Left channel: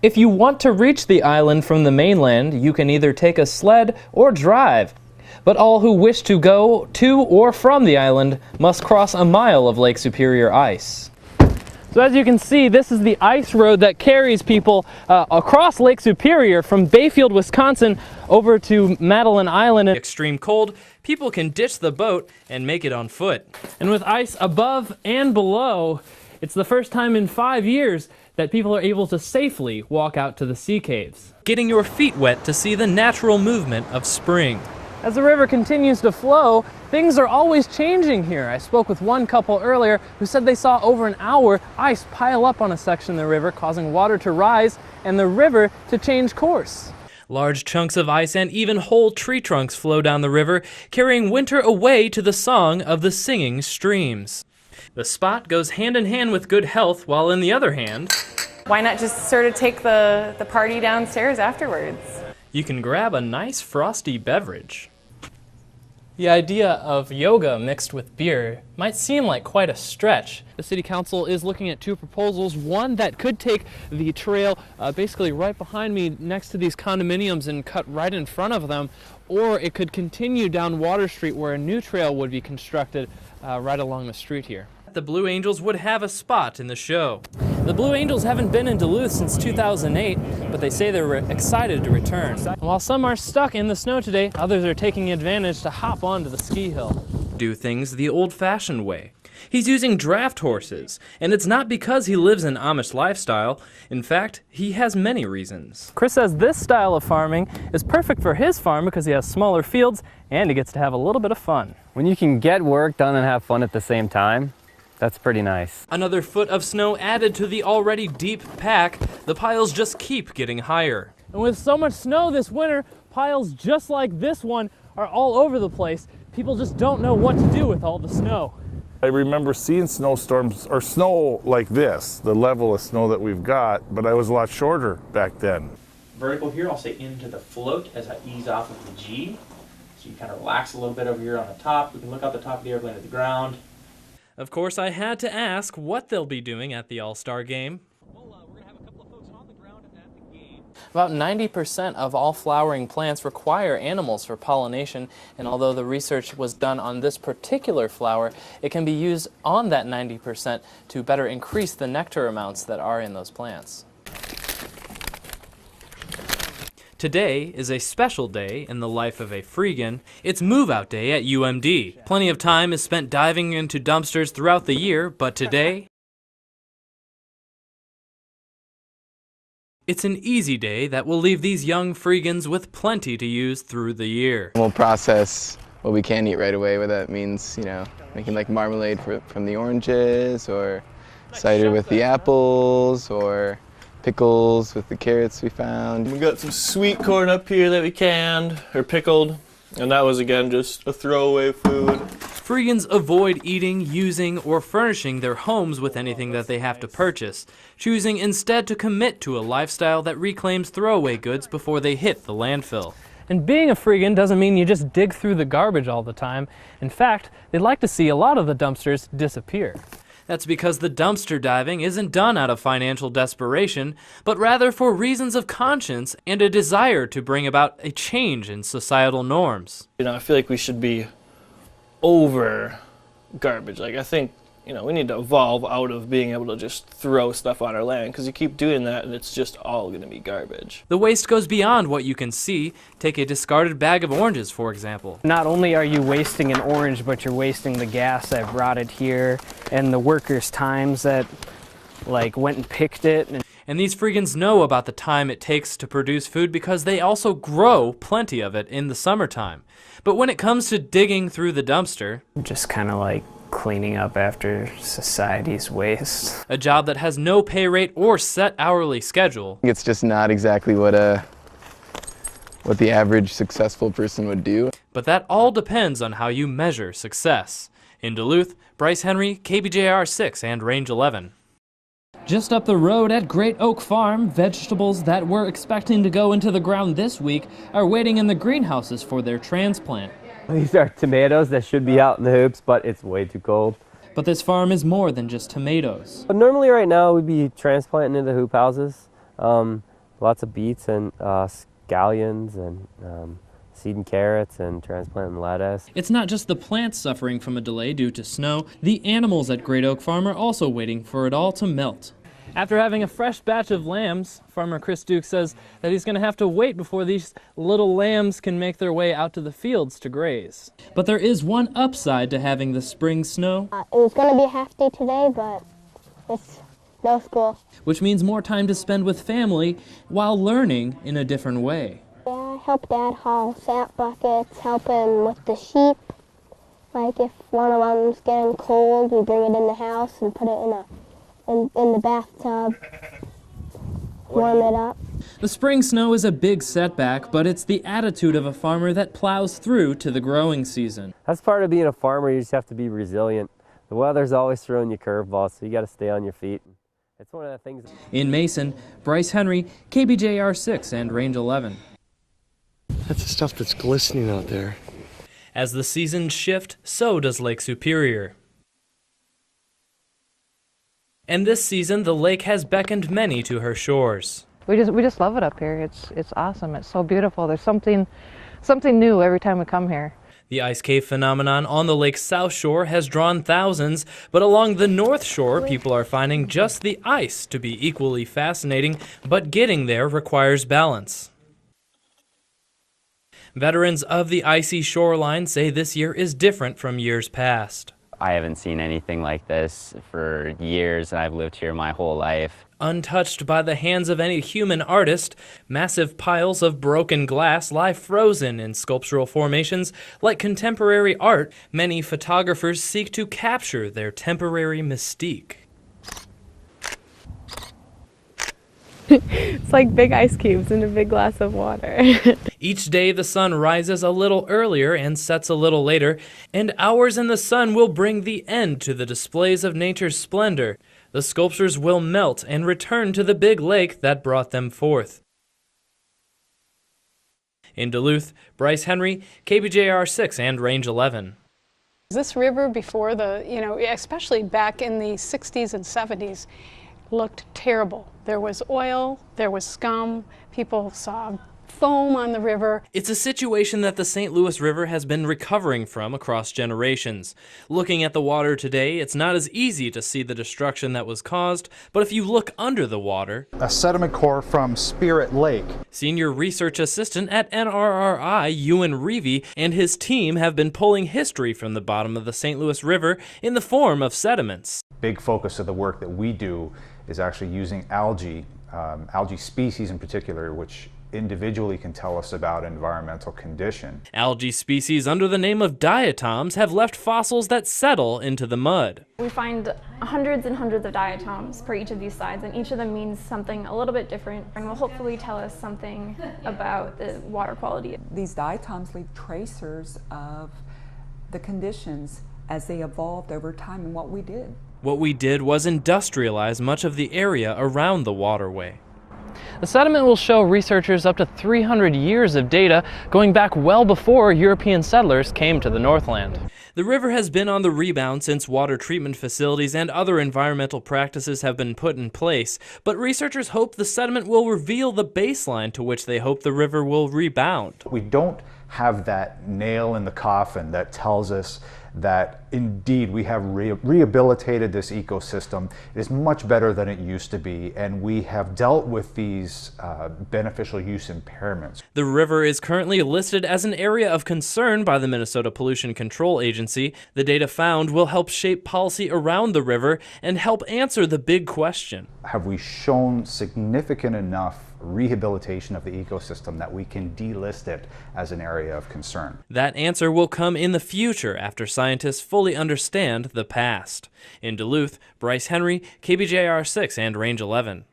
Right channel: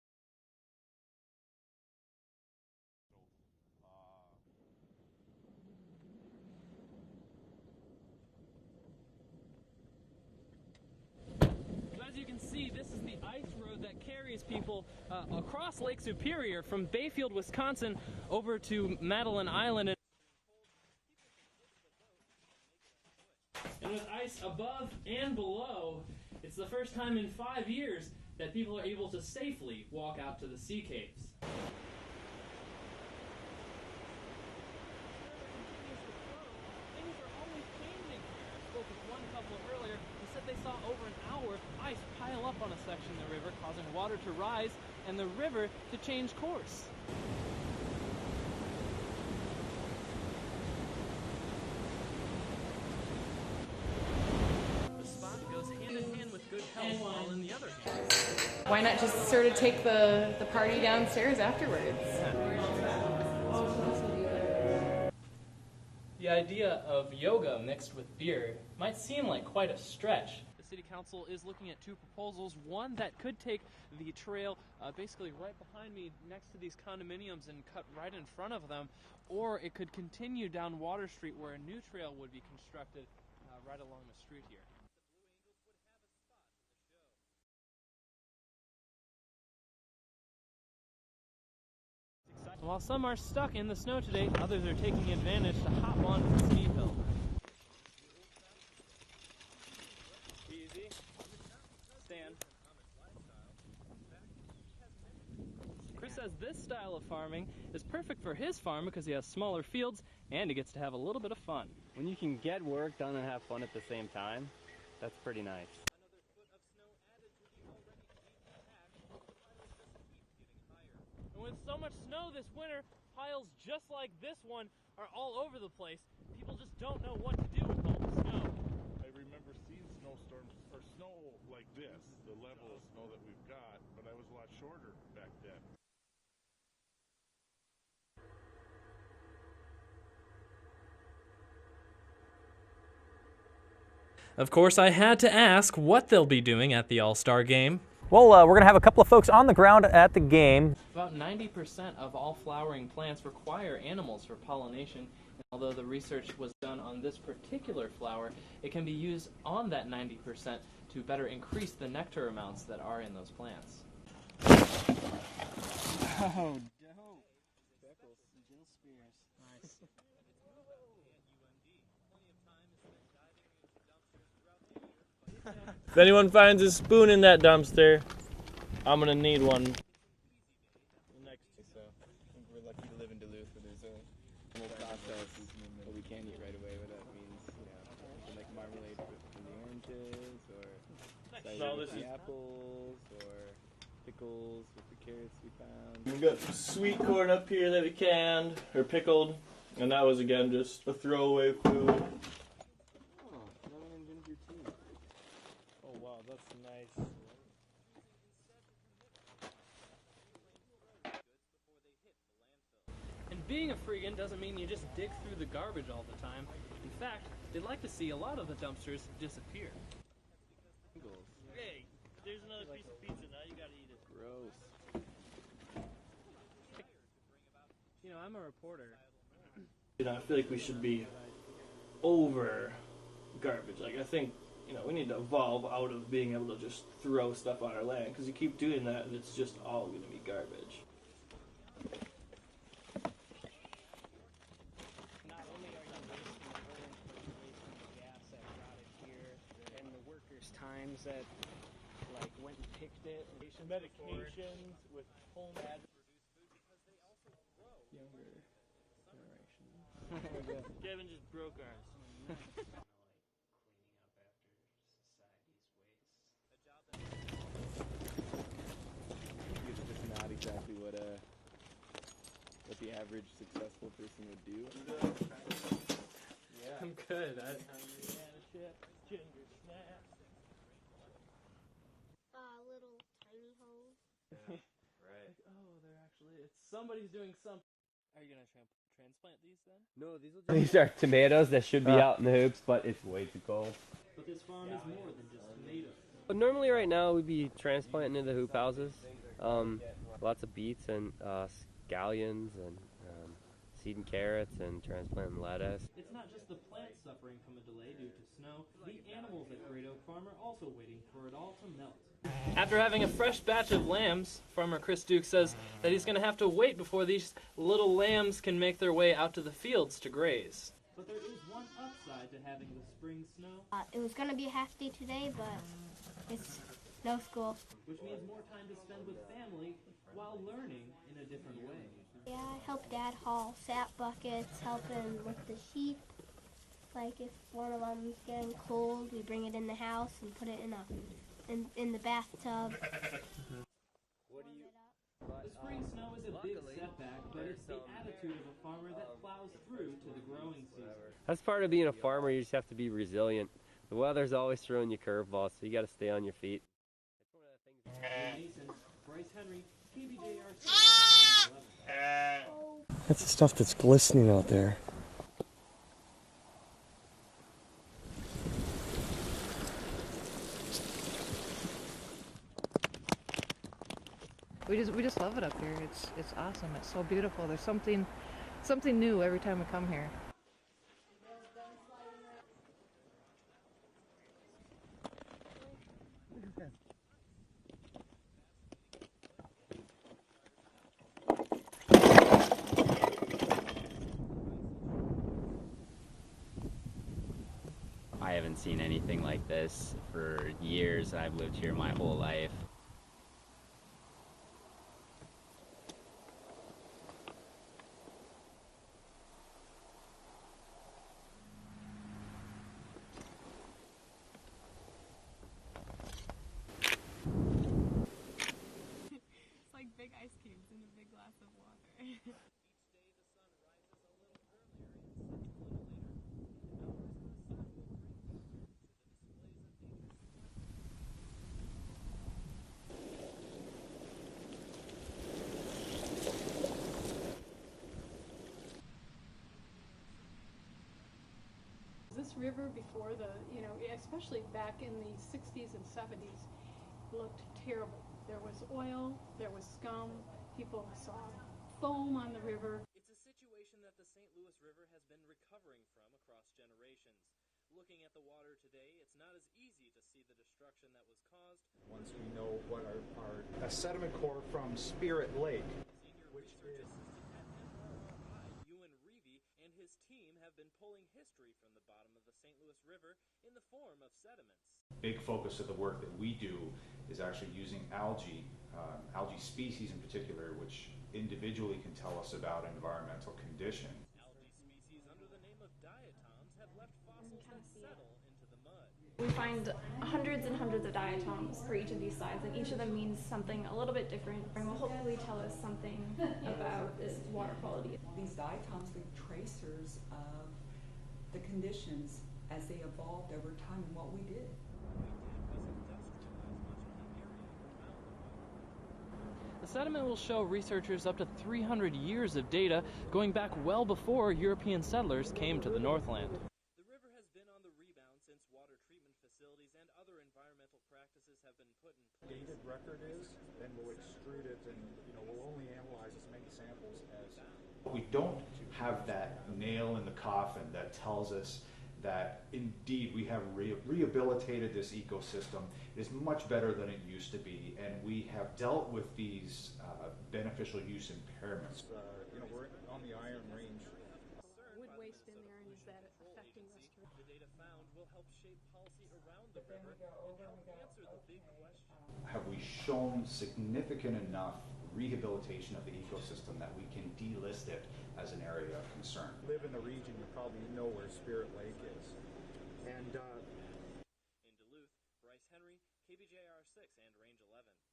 If you want to reach the island from the mainland, you can either take a sled or drive. But all who wish to go to or from the island must cross a mile of Lake Superior ice. So as you can see, this is the ice road that carries people across Lake Superior from Bayfield, Wisconsin over to Madeline Island. In extreme cold, people can ditch the boat and make it on foot. And with ice above and below, it's the first time in 5 years that people are able to safely walk out to the sea caves, getting your feet wet to see the natural movement of spring. As the river continues to flow, things are always changing here. I spoke with one couple earlier who said they saw over an hour ice pile up on a section of the river, causing water to rise and the river to change course. Large chunks of ice and even whole tree trunks flow down the river, carrying winter away to the song of the singing streams. The spot goes hand in hand with good health, while in the other hand, why not just sort of take the party downstairs afterwards? You can grab a nice frosty beverage. The idea of yoga mixed with beer might seem like quite a stretch. The City Council is looking at two proposals, one that could take the trail basically right behind me next to these condominiums and cut right in front of them, or it could continue down Water Street where a new trail would be constructed right along the street here. The Blue Angels would have a spot in the show. The Blue Angels haven't been in Duluth since 2008, but they say they're excited to return. And while some are stuck in the snow today, others are taking advantage to hop onto the ski hill. Do things the old-fashioned way. He's using draft horses, and it's not because he lives an Amish lifestyle. In fact, he has many reasons. Chris says this style of farming is perfect for his farm because he has smaller fields and he gets to have a little bit of fun. When you can get work done and have fun at the same time, that's pretty nice. Another foot of snow added to the already deep pack. The piles just keep getting higher. And with so much snow this winter, piles just like this one are all over the place. People just don't know what to do with all the snow. I remember seeing snowstorms or snow like this, the level of snow that we've got, but I was a lot shorter back then. Vertical here, I'll say into the float as I ease off of the G. So you kind of relax a little bit over here on the top. We can look out the top of the airplane at the ground. Of course, I had to ask what they'll be doing at the All-Star Game. Well, we're going to have a couple of folks on the ground at the game. About 90% of all flowering plants require animals for pollination, and although the research was done on this particular flower, it can be used on that 90% to better increase the nectar amounts that are in those plants. Today is a special day in the life of a Freegan. It's move-out day at UMD. Plenty of time is spent diving into dumpsters throughout the year, but today... If anyone finds a spoon in that dumpster, I'm gonna need one. It's an easy day that will leave these young Freegans with plenty to use through the year. We'll process what we can eat right away, whether that means, you know, making like marmalade from the oranges, or cider with the apples, or pickles with the carrots we found. We got some sweet corn up here that we canned, or pickled, and that was again just a throwaway food. Freegans avoid eating, using, or furnishing their homes with anything that they have to purchase, choosing instead to commit to a lifestyle that reclaims throwaway goods before they hit the landfill. And being a Freegan doesn't mean you just dig through the garbage all the time. In fact, they'd like to see a lot of the dumpsters disappear. That's because the dumpster diving isn't done out of financial desperation, but rather for reasons of conscience and a desire to bring about a change in societal norms. You know, I feel like we should be over garbage. Like, I think, you know, we need to evolve out of being able to just throw stuff on our land, because you keep doing that and it's just all going to be garbage. The waste goes beyond what you can see. Take a discarded bag of oranges, for example. Not only are you wasting an orange, but you're wasting the gas that brought it here and the workers' times that went and picked it. And these Freegans know about the time it takes to produce food because they also grow plenty of it in the summertime. But when it comes to digging through the dumpster, just kind of like cleaning up after society's waste. A job that has no pay rate or set hourly schedule. It's just not exactly what the average successful person would do. But that all depends on how you measure success. In Duluth, Bryce Henry, KBJR 6 and Range 11. Just up the road at Great Oak Farm, vegetables that we're expecting to go into the ground this week are waiting in the greenhouses for their transplant. These are tomatoes that should be out in the hoops, but it's way too cold. But this farm is more than just tomatoes. But normally right now we'd be transplanting into hoop houses. Lots of beets and scallions and seed and carrots and transplanting lettuce. It's not just the plants suffering from a delay due to snow. The animals at Great Oak Farm are also waiting for it all to melt. After having a fresh batch of lambs, farmer Chris Duke says that he's going to have to wait before these little lambs can make their way out to the fields to graze. But there is one upside to having the spring snow. It was going to be a half day today, but it's no school. Which means more time to spend with family while learning in a different way. Yeah, I help Dad haul sap buckets, help him with the sheep. Like if one of them's getting cold, we bring it in the house and put it in the bathtub, warm it up. The spring snow is a big setback, but it's the attitude of a farmer that plows through to the growing season. That's part of being a farmer. You just have to be resilient. The weather's always throwing you curveballs, so you got to stay on your feet. It's one of the things. In Mason, Bryce Henry, KBJR 6 and Range 11. That's the stuff that's glistening out there. As the seasons shift, so does Lake Superior. And this season, the lake has beckoned many to her shores. We just love it up here. It's awesome. It's so beautiful. There's something new every time we come here. The ice cave phenomenon on the lake's south shore has drawn thousands, but along the north shore, people are finding just the ice to be equally fascinating, but getting there requires balance. Veterans of the icy shoreline say this year is different from years past. I haven't seen anything like this for years, and I've lived here my whole life. Untouched by the hands of any human artist, massive piles of broken glass lie frozen in sculptural formations. Like contemporary art, many photographers seek to capture their temporary mystique. It's like big ice cubes in a big glass of water. Each day the sun rises a little earlier and sets a little later, and hours in the sun will bring the end to the displays of nature's splendor. The sculptures will melt and return to the big lake that brought them forth. In Duluth, Bryce Henry, KBJR 6 and Range 11. This river before especially back in the 60s and 70s, looked terrible. There was oil, there was scum, people saw foam on the river. It's a situation that the St. Louis River has been recovering from across generations. Looking at the water today, it's not as easy to see the destruction that was caused, but if you look under the water, a sediment core from Spirit Lake. Senior research assistant at NRRI, Ewan Reevey, and his team have been pulling history from the bottom of the St. Louis River in the form of sediments. Big focus of the work that we do is actually using algae species in particular, which individually can tell us about environmental condition. Algae species under the name of diatoms have left fossils that settle into the mud. We find hundreds and hundreds of diatoms per each of these slides, and each of them means something a little bit different and will hopefully tell us something about the water quality. These diatoms leave tracers of the conditions as they evolved over time and what we did. What we did was industrialize much of the area around the waterway. The sediment will show researchers up to 300 years of data going back well before European settlers came to the Northland. The river has been on the rebound since water treatment facilities and other environmental practices have been put in place, but researchers hope the sediment will reveal the baseline to which they hope the river will rebound. We don't have that nail in the coffin that tells us that indeed we have rehabilitated this ecosystem. It is much better than it used to be, and we have dealt with these beneficial use impairments. The river is currently listed as an area of concern by the Minnesota Pollution Control Agency. The data found will help shape policy around the river and help answer the big question. Have we shown significant enough rehabilitation of the ecosystem that we can delist it as an area of concern? That answer will come in the future after scientists fully understand the past. In Duluth, Bryce Henry, KBJR 6 and Range 11.